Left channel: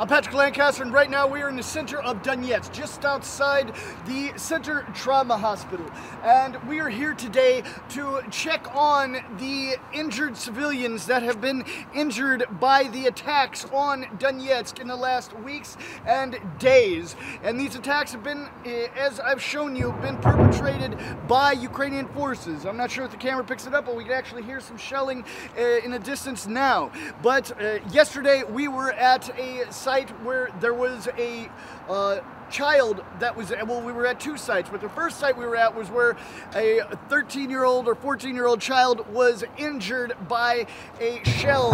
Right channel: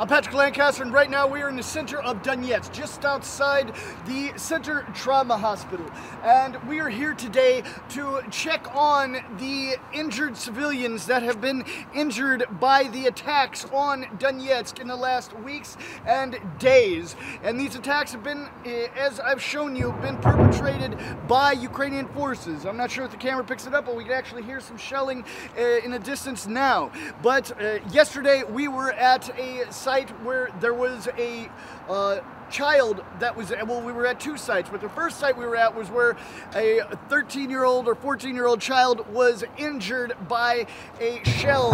I'm Patrick Lancaster, and right now we are in the center of Donetsk, just outside the Center Trauma Hospital. And we are here today to check on the injured civilians that have been injured by the attacks on Donetsk in the last weeks and days. And these attacks have been, as I've shown you, been perpetrated by Ukrainian forces. I'm not sure if the camera picks it up, but we can actually hear some shelling in the distance now. But yesterday we were at a site where there was a child that was, well, we were at two sites, but the first site we were at was where a 13-year-old or 14-year-old child was injured by a shell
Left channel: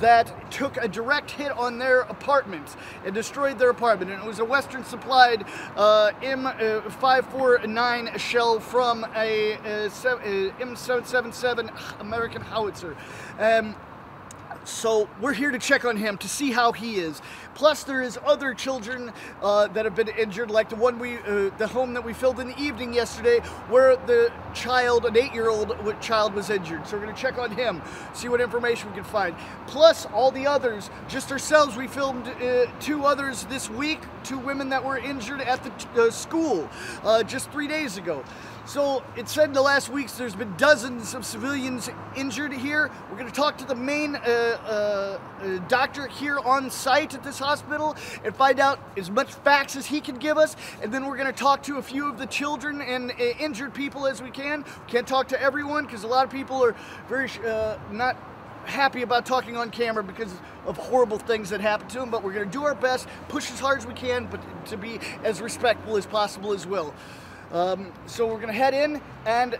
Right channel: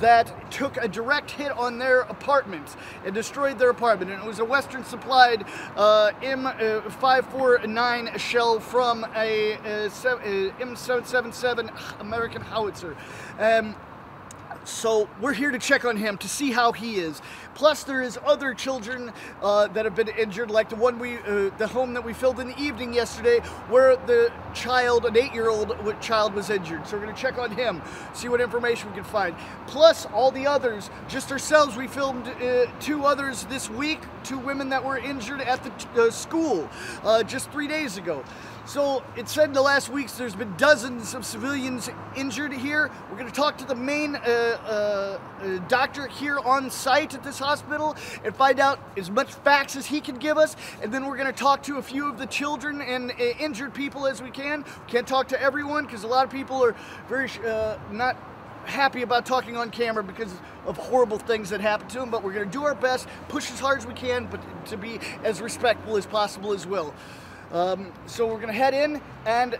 that took a direct hit on their apartment and destroyed their apartment. And it was a Western supplied M549 shell from a M777 American howitzer. So we're here to check on him to see how he is. Plus, there is other children that have been injured, like the one the home that we filmed in the evening yesterday, where the child, an 8-year-old child, was injured. So we're going to check on him, see what information we can find. Plus, all the others, just ourselves, we filmed 2 others this week, 2 women that were injured at the school just 3 days ago. So it said in the last weeks there's been dozens of civilians injured here. We're going to talk to the main doctor here on site at this hospital and find out as much facts as he can give us. And then we're going to talk to a few of the children and injured people as we can. Can't talk to everyone because a lot of people are very not happy about talking on camera because of horrible things that happen to them. But we're going to do our best, push as hard as we can, but to be as respectful as possible as well. So we're going to head in and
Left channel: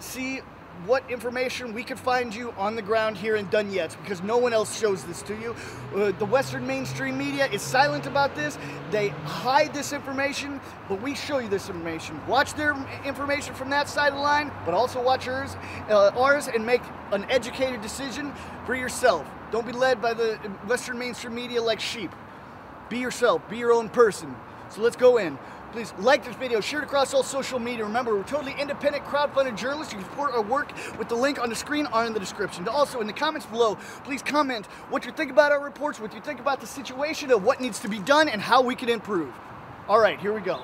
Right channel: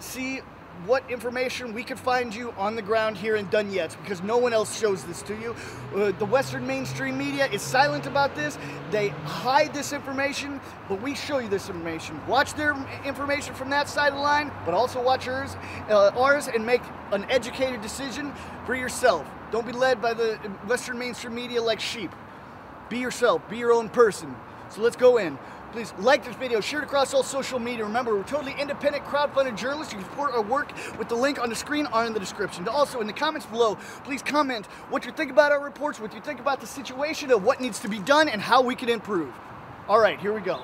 see what information we could find you on the ground here in Donetsk, because no one else shows this to you. The Western mainstream media is silent about this. They hide this information, but we show you this information. Watch their information from that side of the line, but also watch ours, and make an educated decision for yourself. Don't be led by the Western mainstream media like sheep. Be yourself. Be your own person. So let's go in. Please like this video, share it across all social media. Remember, we're totally independent, crowdfunded journalists. You can support our work with the link on the screen or in the description. Also, in the comments below, please comment what you think about our reports, what you think about the situation, of what needs to be done, and how we can improve. All right, here we go.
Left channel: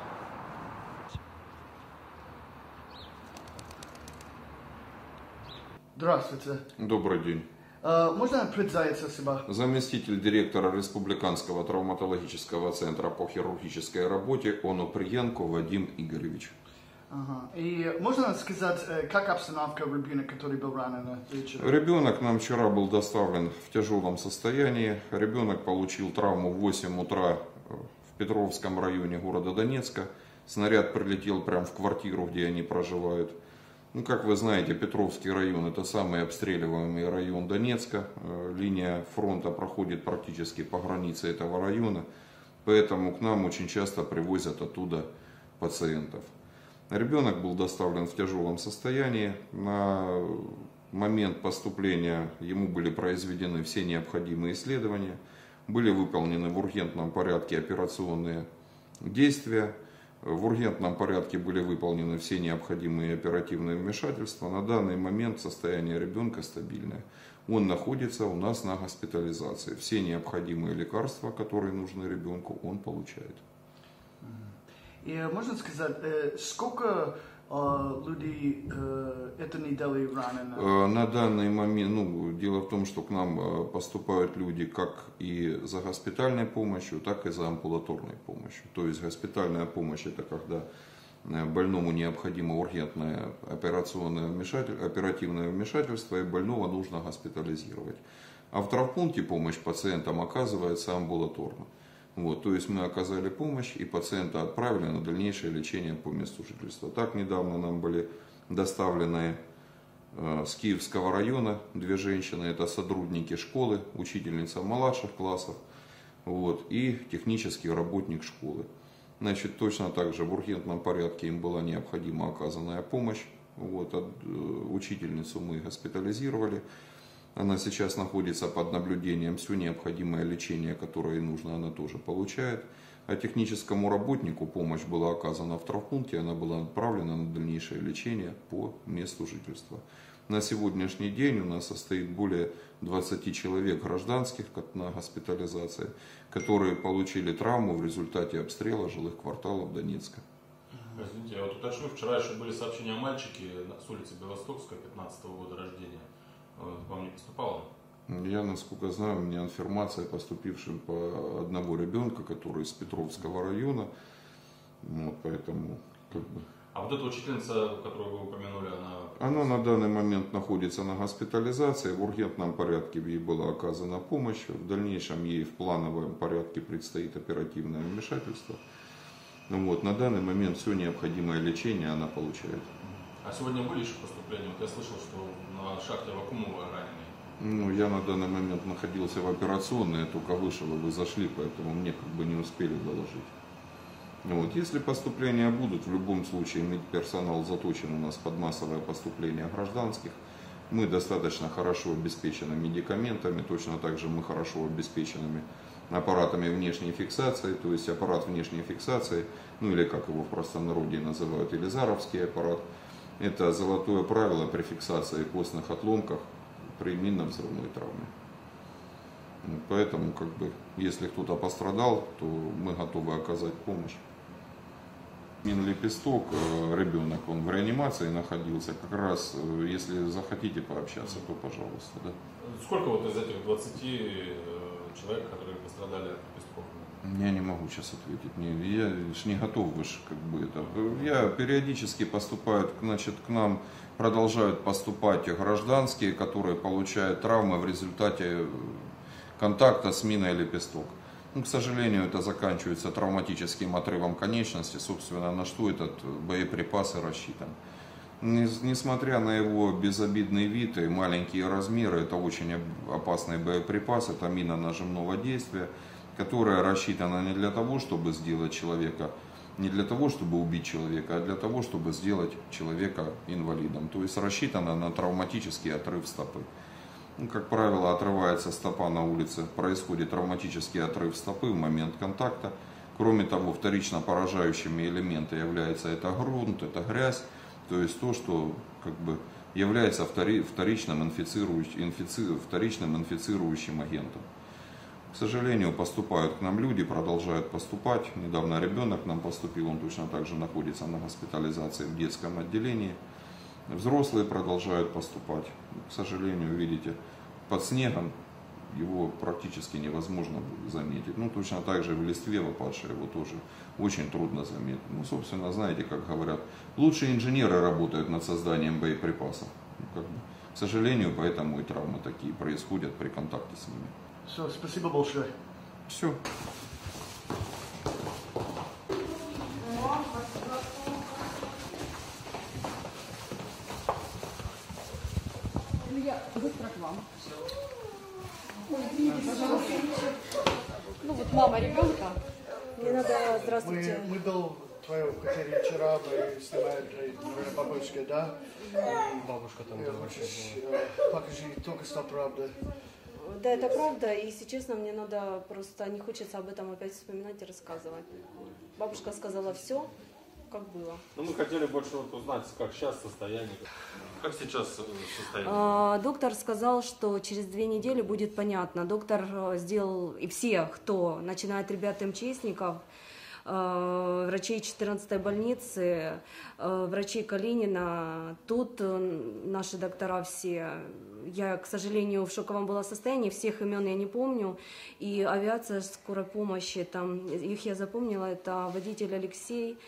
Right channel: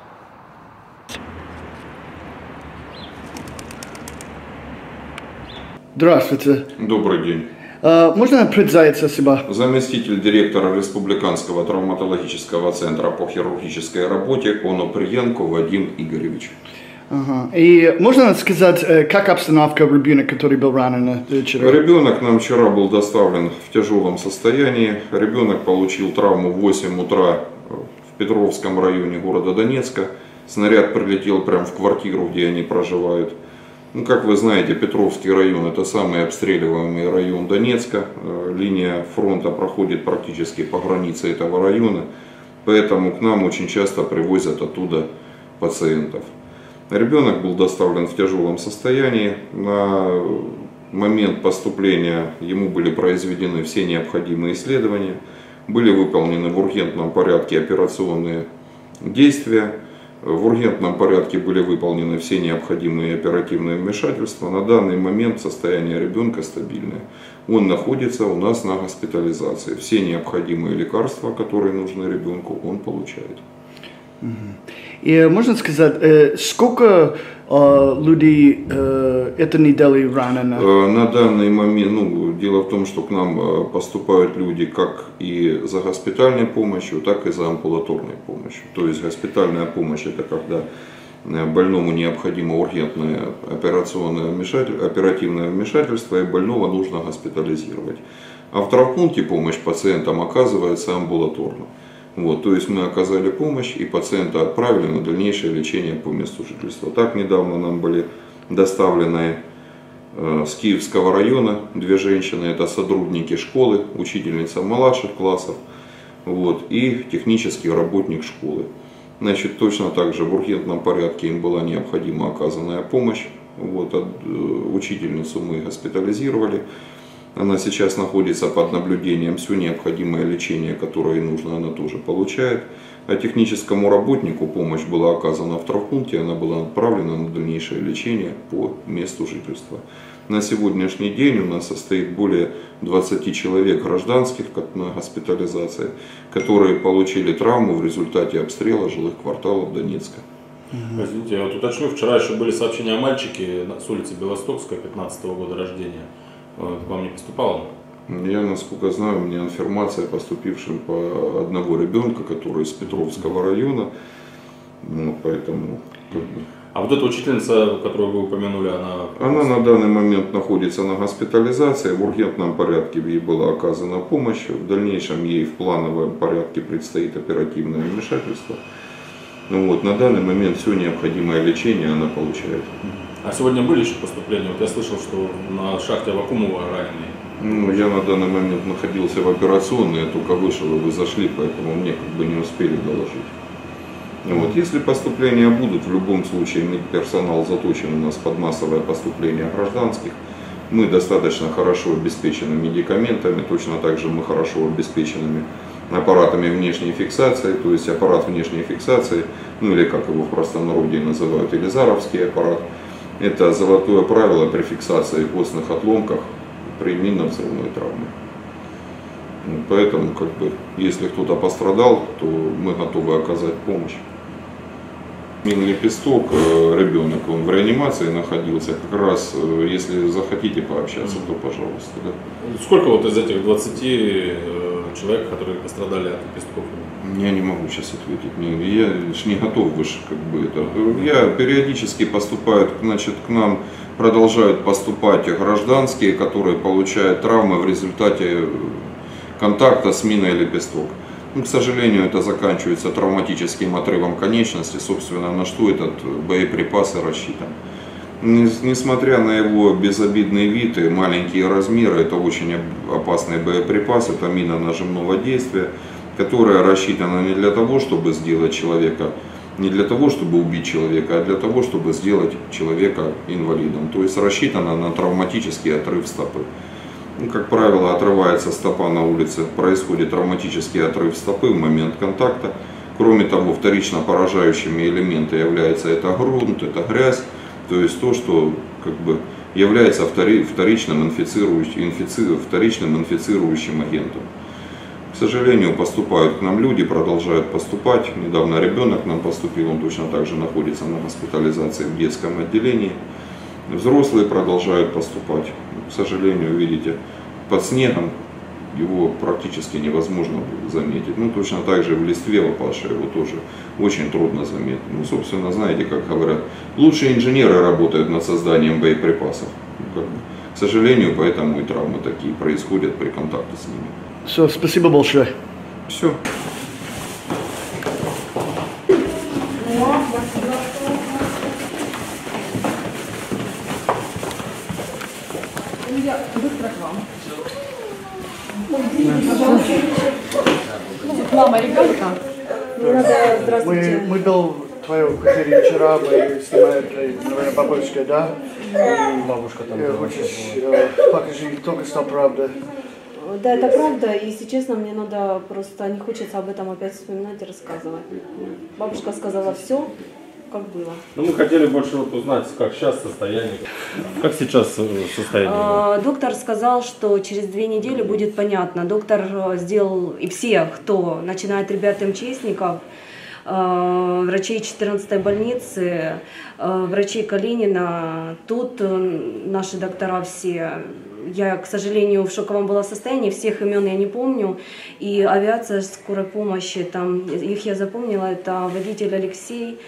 Здравствуйте. Добрый день. Можно представиться себя? Заместитель директора Республиканского травматологического центра по хирургической работе Оноприенко Вадим Игоревич. Ага. И можно сказать, как обстановка ребенка, который был ранен вчера? Ребенок нам вчера был доставлен в тяжелом состоянии. Ребенок получил травму в 8 утра в Петровском районе города Донецка. Снаряд прилетел прямо в квартиру, где они проживают. Ну, как вы знаете, Петровский район — это самый обстреливаемый район Донецка. Линия фронта проходит практически по границе этого района, поэтому к нам очень часто привозят оттуда пациентов. Ребенок был доставлен в тяжелом состоянии. На момент поступления ему были произведены все необходимые исследования, были выполнены в ургентном порядке операционные действия. В ургентном порядке были выполнены все необходимые оперативные вмешательства. На данный момент состояние ребенка стабильное. Он находится у нас на госпитализации. Все необходимые лекарства, которые нужны ребенку, он получает. И можно сказать, сколько людей этой недели ранено? На данный момент, дело в том, что к нам поступают люди как и за госпитальной помощью, так и за амбулаторной помощью. То есть госпитальная помощь — это когда больному необходимо ургентное оперативное вмешательство, и больного нужно госпитализировать. А в травмпункте помощь пациентам оказывается амбулаторно. Вот, то есть мы оказали помощь и пациента отправили на дальнейшее лечение по месту жительства. Так недавно нам были доставлены с Киевского района 2 женщины, это сотрудники школы, учительница младших классов, вот, и технический работник школы. Значит, точно так же в ургентном порядке им была необходима оказанная помощь. Вот, учительницу мы госпитализировали. Она сейчас находится под наблюдением, все необходимое лечение, которое ей нужно, она тоже получает. А техническому работнику помощь была оказана в травмпункте, она была отправлена на дальнейшее лечение по месту жительства. На сегодняшний день у нас состоит более 20 человек гражданских на госпитализации, которые получили травму в результате обстрела жилых кварталов Донецка. Извините, я вот уточню, вчера еще были сообщения о мальчике с улицы Белостокская, 15-го года рождения. К вам не поступало? Я, насколько знаю, у меня информация, поступившая по одного ребенка, который из Петровского района, ну, поэтому... А вот эта учительница, которую вы упомянули, Она на данный момент находится на госпитализации, в ургентном порядке ей была оказана помощь, в дальнейшем ей в плановом порядке предстоит оперативное вмешательство. Ну вот, на данный момент все необходимое лечение она получает. А сегодня были еще поступления? Вот я слышал, что на шахте Авакумова раненые. Ну, я на данный момент находился в операционной, я только вышел, и вы зашли, поэтому мне как бы не успели доложить. Ну, вот, если поступления будут, в любом случае персонал заточен у нас под массовое поступление гражданских. Мы достаточно хорошо обеспечены медикаментами, точно так же мы хорошо обеспечены аппаратами внешней фиксации, то есть аппарат внешней фиксации, ну или как его в простонародье называют, Елизаровский аппарат. Это золотое правило при фиксации костных отломков при минно-взрывной травме. Поэтому, как бы, если кто-то пострадал, то мы готовы оказать помощь. Минный Лепесток, ребенок, он в реанимации находился, как раз, если захотите пообщаться, то пожалуйста. Да. Сколько вот из этих 20 человек, которые пострадали от лепестков? Я не могу сейчас ответить, я ж не готов выше, как бы это. Я периодически поступают, значит, к нам продолжают поступать гражданские, которые получают травмы в результате контакта с миной Лепесток. Ну, к сожалению, это заканчивается травматическим отрывом конечности, собственно, на что этот боеприпас и рассчитан. Несмотря на его безобидный вид и маленькие размеры, это очень опасный боеприпас, это мина нажимного действия, которая рассчитана не для того, чтобы сделать человека, не для того, чтобы убить человека, а для того, чтобы сделать человека инвалидом. То есть рассчитана на травматический отрыв стопы. Ну, как правило, отрывается стопа на улице, происходит травматический отрыв стопы в момент контакта. Кроме того, вторично поражающими элементами является это грунт, это грязь, то есть то, что как бы является вторичным инфицирующим агентом. К сожалению, поступают к нам люди, продолжают поступать. Недавно ребенок к нам поступил, он точно так же находится на госпитализации в детском отделении. Взрослые продолжают поступать. К сожалению, видите, под снегом его практически невозможно заметить. Ну, точно так же в листве упавшей его тоже очень трудно заметить. Ну, собственно, знаете, как говорят, лучшие инженеры работают над созданием боеприпасов. Как бы, к сожалению, поэтому и травмы такие происходят при контакте с ними. Все, спасибо большое. Все. Мама ребенка. Мы был в твоей квартире вчера, мы снимали, наверное, бабушка, да? Бабушка там. Хочешь, покажи, только что правда. Да, это правда, и если честно, мне надо просто, не хочется об этом опять вспоминать и рассказывать. Бабушка сказала все, как было. Ну, мы хотели больше вот узнать, как сейчас состояние. Как сейчас состояние? Доктор сказал, что через 2 недели будет понятно. Доктор сделал, и все, кто начинает ребят МЧСников, врачей 14-й больницы, врачей Калинина, тут наши доктора все. Я, к сожалению, в шоковом была состоянии, всех имен я не помню. И авиация скорой помощи, там, их я запомнила, это водитель Алексей,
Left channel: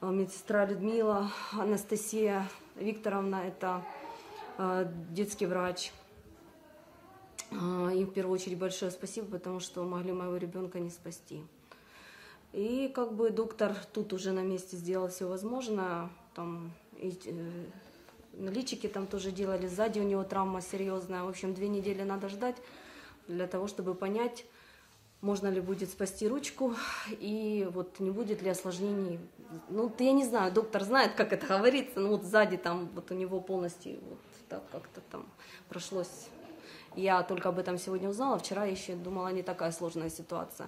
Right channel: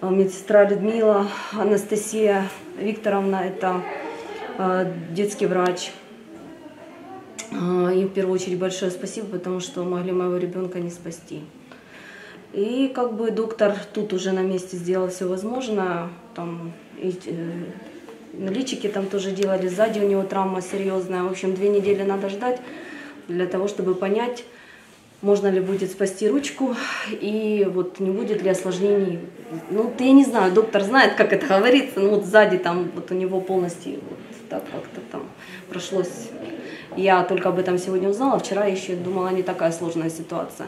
медсестра Людмила, Анастасия Викторовна, это детский врач. Им в первую очередь большое спасибо, потому что могли моего ребенка не спасти. И как бы доктор тут уже на месте сделал все возможное. Там, личики там тоже делали, сзади у него травма серьезная. В общем, 2 недели надо ждать для того, чтобы понять, можно ли будет спасти ручку и вот не будет ли осложнений. Ну, я не знаю, доктор знает, как это говорится, но вот сзади там вот у него полностью вот так как-то там прошлось. Я только об этом сегодня узнала, вчера еще думала, не такая сложная ситуация.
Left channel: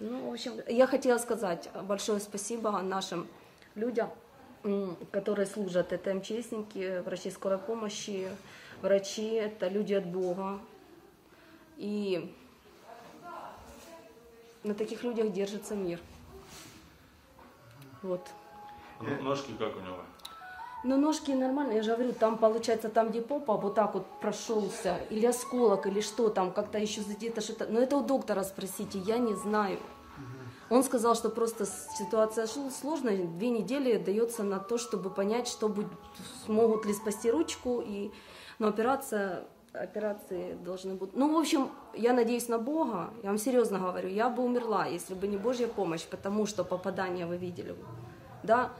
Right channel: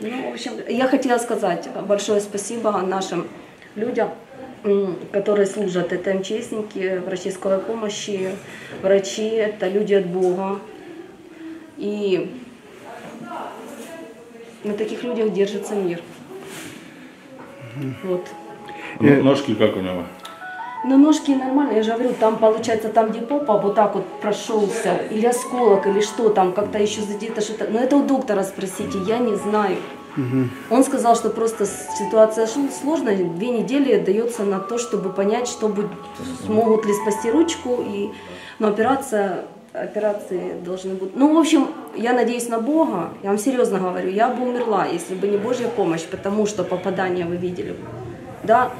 Ну, в общем, я хотела сказать большое спасибо нашим людям, которые служат. Это МЧСники, врачи скорой помощи, врачи, это люди от Бога. И на таких людях держится мир. Вот. Ножки как у него? Но ножки нормально, я же говорю, там получается, там где попа вот так вот прошелся, или осколок, или что там, как-то еще задето что-то. Но это у доктора спросите, я не знаю. Он сказал, что просто ситуация сложная, 2 недели дается на то, чтобы понять, что будет, смогут ли спасти ручку, но операции должны быть. Ну, в общем, я надеюсь на Бога, я вам серьезно говорю, я бы умерла, если бы не Божья помощь, потому что попадание вы видели. Да?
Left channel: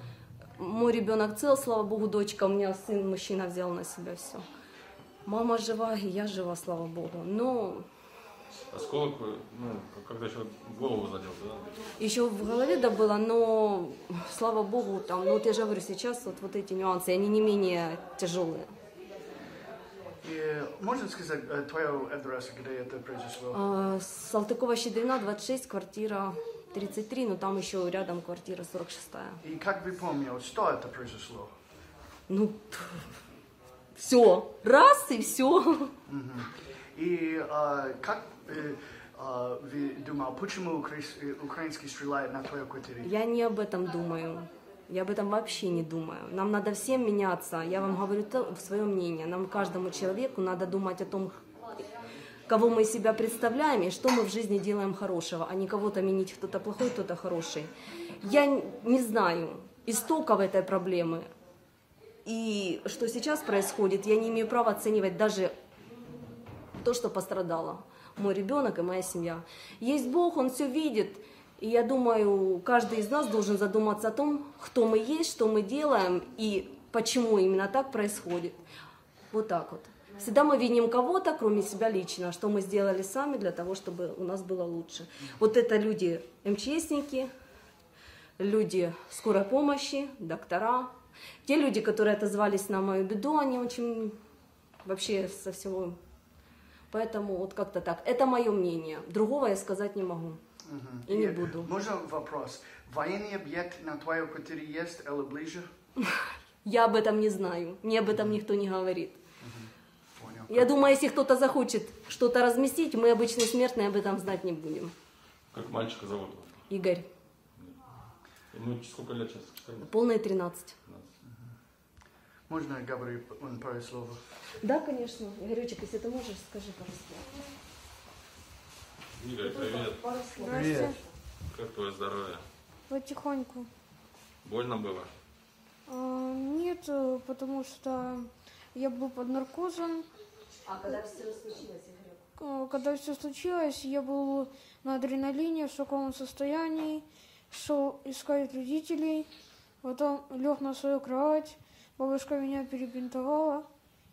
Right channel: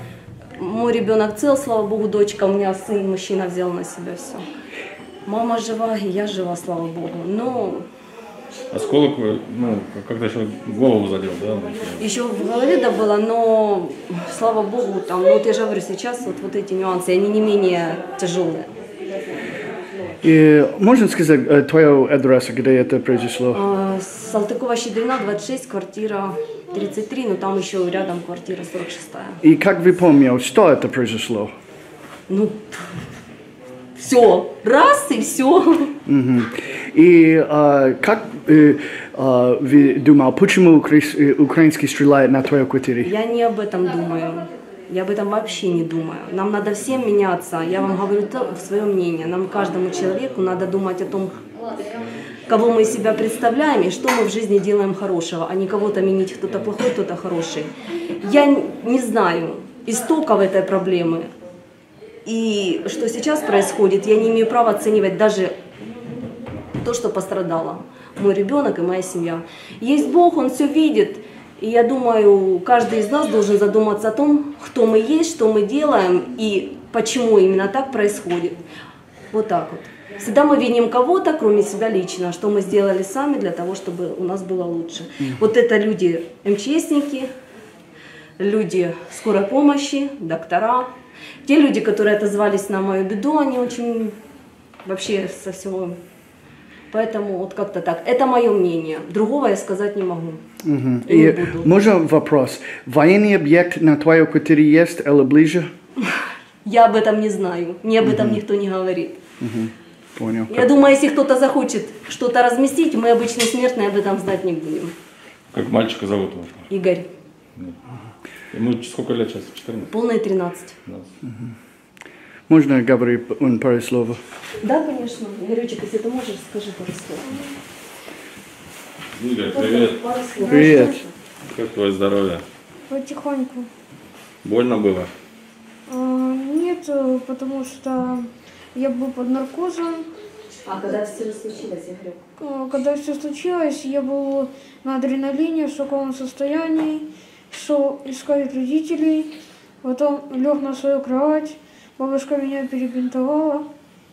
Мой ребенок цел, слава Богу, дочка, у меня сын, мужчина взял на себя все. Мама жива, и я жива, слава Богу. Но... Осколок, ну, как-то еще голову задел, да? Еще в голове да было, но, слава Богу, там, вот я же говорю, сейчас вот эти нюансы, они не менее тяжелые. И можно сказать твою адресу, где это произошло? Салтыкова-Щедрина, 26, квартира 33, но там еще рядом квартира 46. И как вы помните, что это произошло? Ну, все, раз и все. И как вы думали, почему украинский стреляет на твоей квартире? Я не об этом думаю. Я об этом вообще не думаю. Нам надо всем меняться. Я вам говорю свое мнение. Нам, каждому человеку, надо думать о том, кого мы из себя представляем и что мы в жизни делаем хорошего, а не кого-то менить, кто-то плохой, кто-то хороший. Я не знаю истоков этой проблемы. И что сейчас происходит, я не имею права оценивать даже то, что пострадало. Мой ребенок и моя семья. Есть Бог, Он все видит. И я думаю, каждый из нас должен задуматься о том, кто мы есть, что мы делаем и почему именно так происходит. Вот так вот. Всегда мы виним кого-то, кроме себя лично, что мы сделали сами для того, чтобы у нас было лучше. Вот это люди МЧСники, люди скорой помощи, доктора. Те люди, которые отозвались на мою беду, они очень вообще со всего... Поэтому вот как-то так. Это мое мнение. Другого я сказать не могу. И можно вопрос? Военный объект на твоей квартире есть или ближе? Я об этом не знаю. Мне об этом никто не говорит. Понял. Я думаю, если кто-то захочет что-то разместить, мы, обычные смертные, об этом знать не будем. Как мальчика зовут его? Игорь. Ему сколько лет сейчас? 14? Полные 13. Можно говорить пару слов? Да, конечно. Игорючек, если ты можешь, скажи пару слов. Игорь, привет. Пару слов. Привет. Как твое здоровье? Потихоньку. Больно было? Нет, потому что я был под наркозом. А когда все случилось, Игорь? Когда все случилось, я был на адреналине, в шоковом состоянии, шел искать родителей, потом лег на свою кровать, бабушка меня перебинтовала,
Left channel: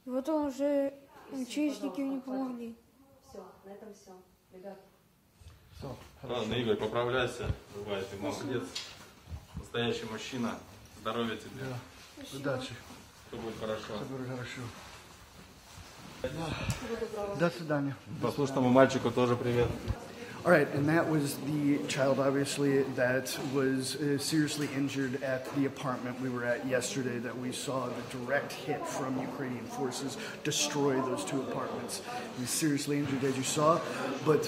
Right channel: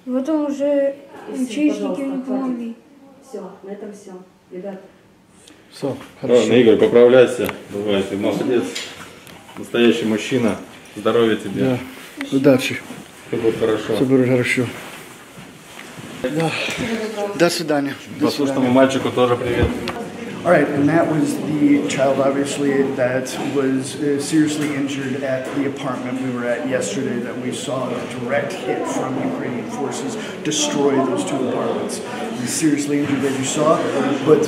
потом уже МЧСники не помогли. Все, на этом все. Ребят. Все, Ладно, Игорь, поправляйся. Давай, ты молодец. Настоящий мужчина. Здоровья тебе. Да. Удачи. Все будет хорошо. Все будет хорошо. Да. До свидания. До Послушному свидания. мальчику тоже привет. All right, and that was the child, obviously, that was seriously injured at the apartment we were at yesterday that we saw a direct hit from Ukrainian forces destroy those 2 apartments. He's seriously injured, as you saw, but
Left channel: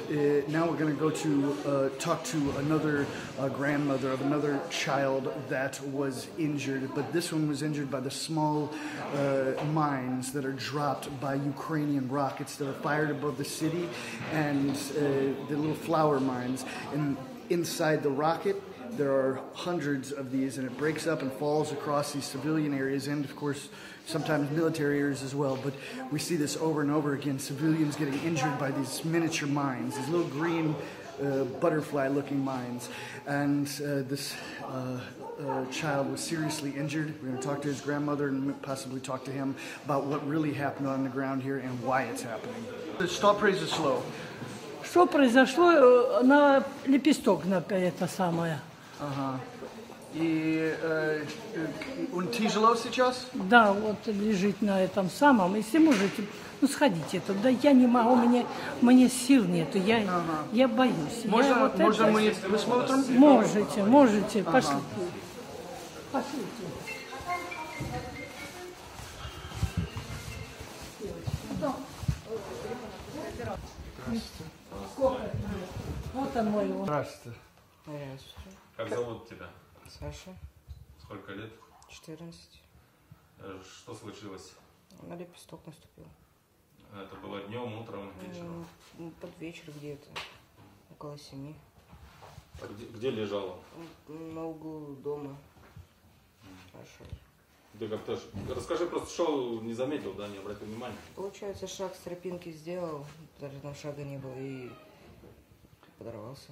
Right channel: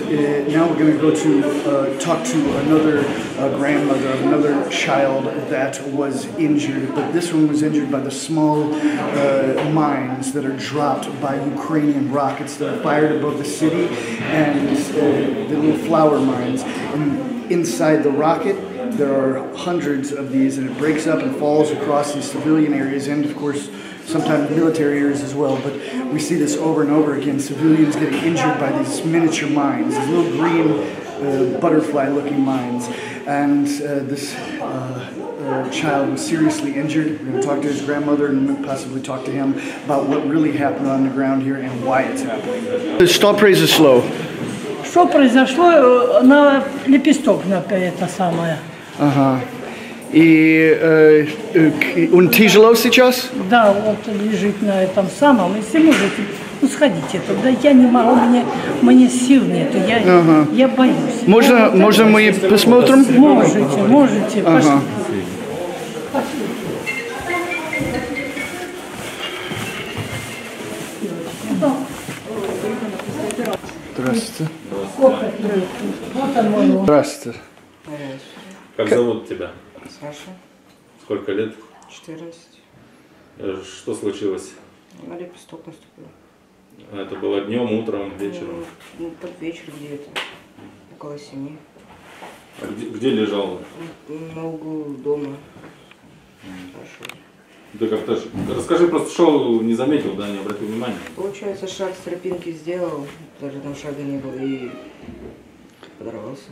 now we're going to go to talk to another grandmother, another child that was injured, but this one was injured by the small mines that are dropped by Ukrainian rockets that are fired above the city, and the little flower mines. And inside the rocket, there are hundreds of these, and it breaks up and falls across these civilian areas, and of course, sometimes military areas as well. But we see this over and over again, civilians getting injured by these miniature mines, these little green butterfly-looking mines. And this child was seriously injured. We're going to talk to his grandmother and possibly talk to him about what really happened on the ground here and why it's happening. Что произошло? Что произошло? На лепесток на это самое. Ага. И он тяжело сейчас? Да, вот лежит на этом самом. Если можете, ну сходите туда. Я не могу, мне сил нету. Я боюсь. Можно мы посмотрим? Можете. Ага. Сколько? Вот он мой. Здравствуйте. Как зовут тебя? Саша, Сколько лет? 14. Что случилось? На лепесток наступил. Это было днем, утром, вечером? Ну, под вечер где-то. Около 7. А где лежал? На углу дома. Пошел. Ты как-то... Расскажи, просто шел, не заметил, да, не обратил внимания? Получается, шаг с тропинки сделал, даже там шага не было, и подорвался.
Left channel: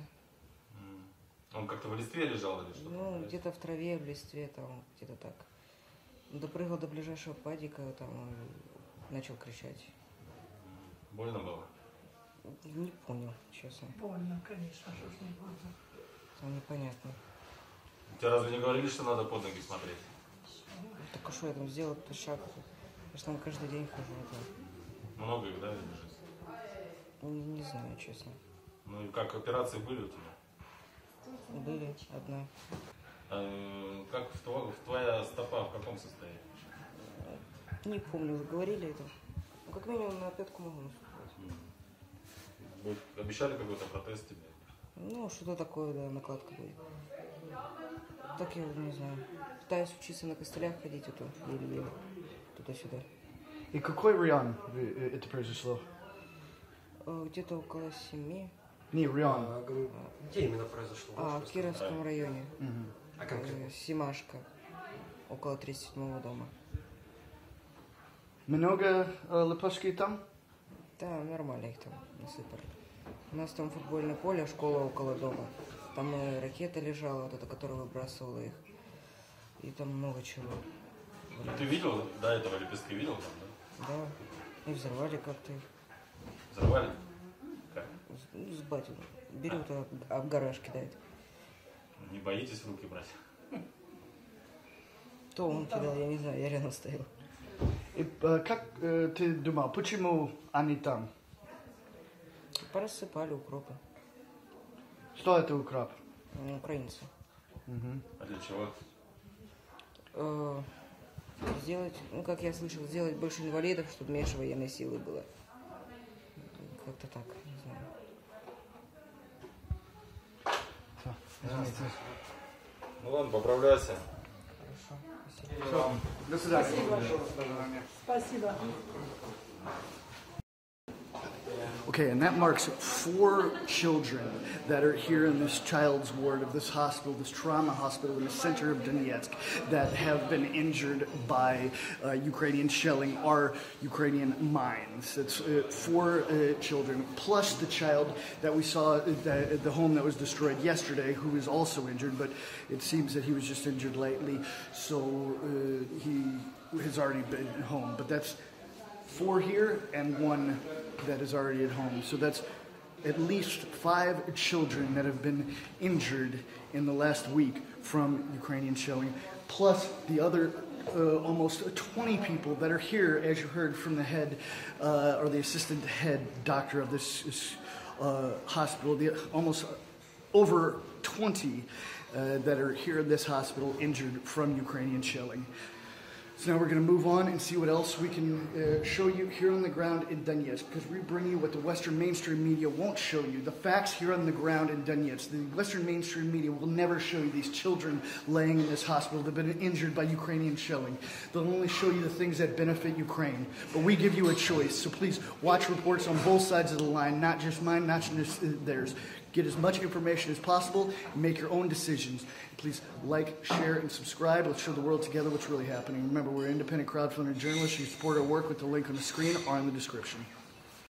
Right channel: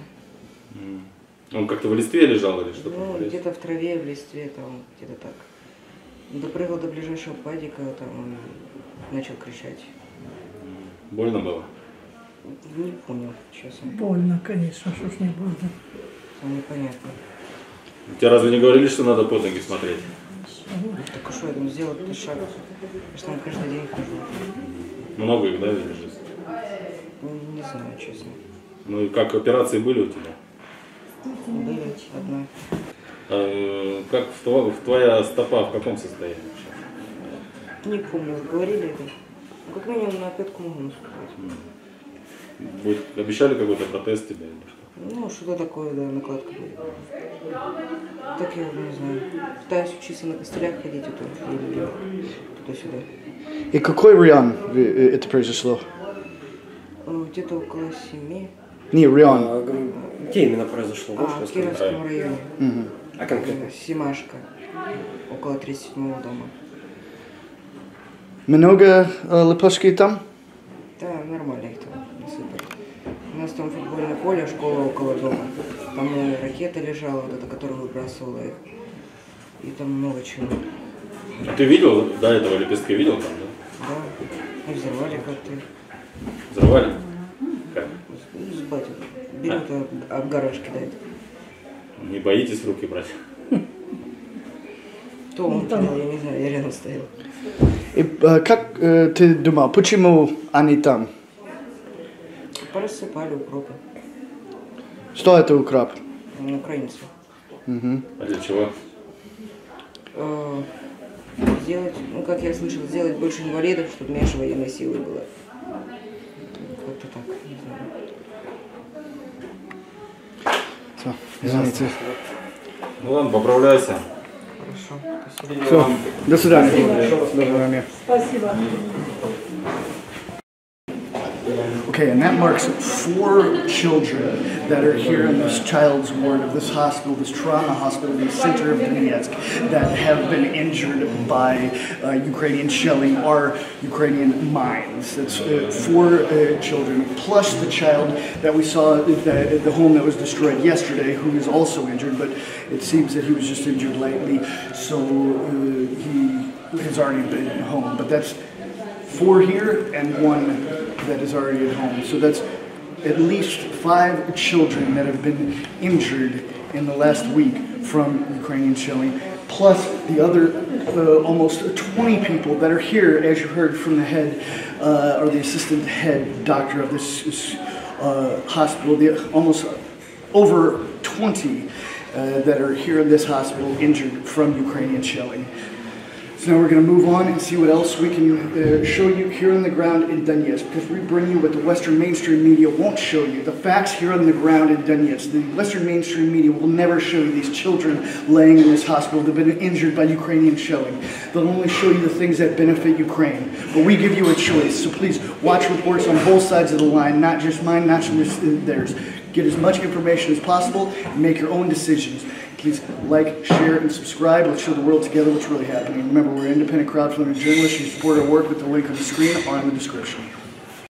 Он как-то в листве лежал или что-то? Ну, где-то в траве, в листве, там, где-то так. Допрыгал до ближайшего падика, там, и начал кричать. Больно было? Не понял, честно. Больно, конечно, что ж не больно. Там непонятно. Тебе разве не говорили, что надо под ноги смотреть? Так а что я там сделал этот шаг? Я же там каждый день хожу. Много их, да, видишь? Не знаю, честно. Ну и как, операции были у тебя? Были одна. Как твоя стопа в каком состоянии? Не помню, говорили это. Как минимум на пятку могу наступать. Обещали какой-то протез тебе или что? Ну, что-то такое, да, накладка будет. Так я уже не знаю. Пытаюсь учиться на костылях ходить, а то не любила. Туда-сюда. И какой район это произошло? Где-то около 7. Не, район. Где именно произошло? В Кировском районе. А конкретно? Семашка. Около 37-го дома. Много лепешки там? Да, нормально их там насыпали. У нас там футбольное поле, школа около дома. Там и ракета лежала, вот эта, которая выбрасывала их. И там много чего. А ты видел, до этого лепестки видел там, да? Да, и взорвали как-то. Взорвали? Как? С батьком. Берут, об гаражке дают. Не боитесь в руки брать? То он кидал, я не знаю, я рядом стоял. И как ты думал, почему они там? Порассыпали укропы. Что это укроп? Украинцы. А для чего? Сделать, ну как я слышал, сделать больше инвалидов, чтобы меньше военной силы было. Как-то так, не знаю. Все, извините. Ну ладно, поправляйся. Хорошо, спасибо. Все, до свидания. До свидания. Спасибо. Okay, and that marks 4 children that are here in this child's ward of this hospital, this trauma hospital in the center of Donetsk, that have been injured by Ukrainian shelling or Ukrainian mines. That's 4 children, plus the child that we saw at the home that was destroyed yesterday, who is also injured, but it seems that he was just injured lightly, so he has already been home. But that's 4 here and 1 that is already at home. So that's at least 5 children that have been injured in the last week from Ukrainian shelling, plus the other almost 20 people that are here, as you heard from the head, or the assistant head doctor of this hospital, almost over 20 that are here in this hospital injured from Ukrainian shelling. So now we're going to move on and see what else we can show you here on the ground in Donetsk, because we bring you what the Western mainstream media won't show you. The facts here on the ground in Donetsk. The Western mainstream media will never show you these children laying in this hospital that have been injured by Ukrainian shelling. They'll only show you the things that benefit Ukraine. But we give you a choice, so please watch reports on both sides of the line, not just mine, not just theirs. Get as much information as possible and make your own decisions. Please like, share, and subscribe. Let's show the world together what's really happening. Remember, we're independent crowdfunding journalists. You support our work with the link on the screen or in the description.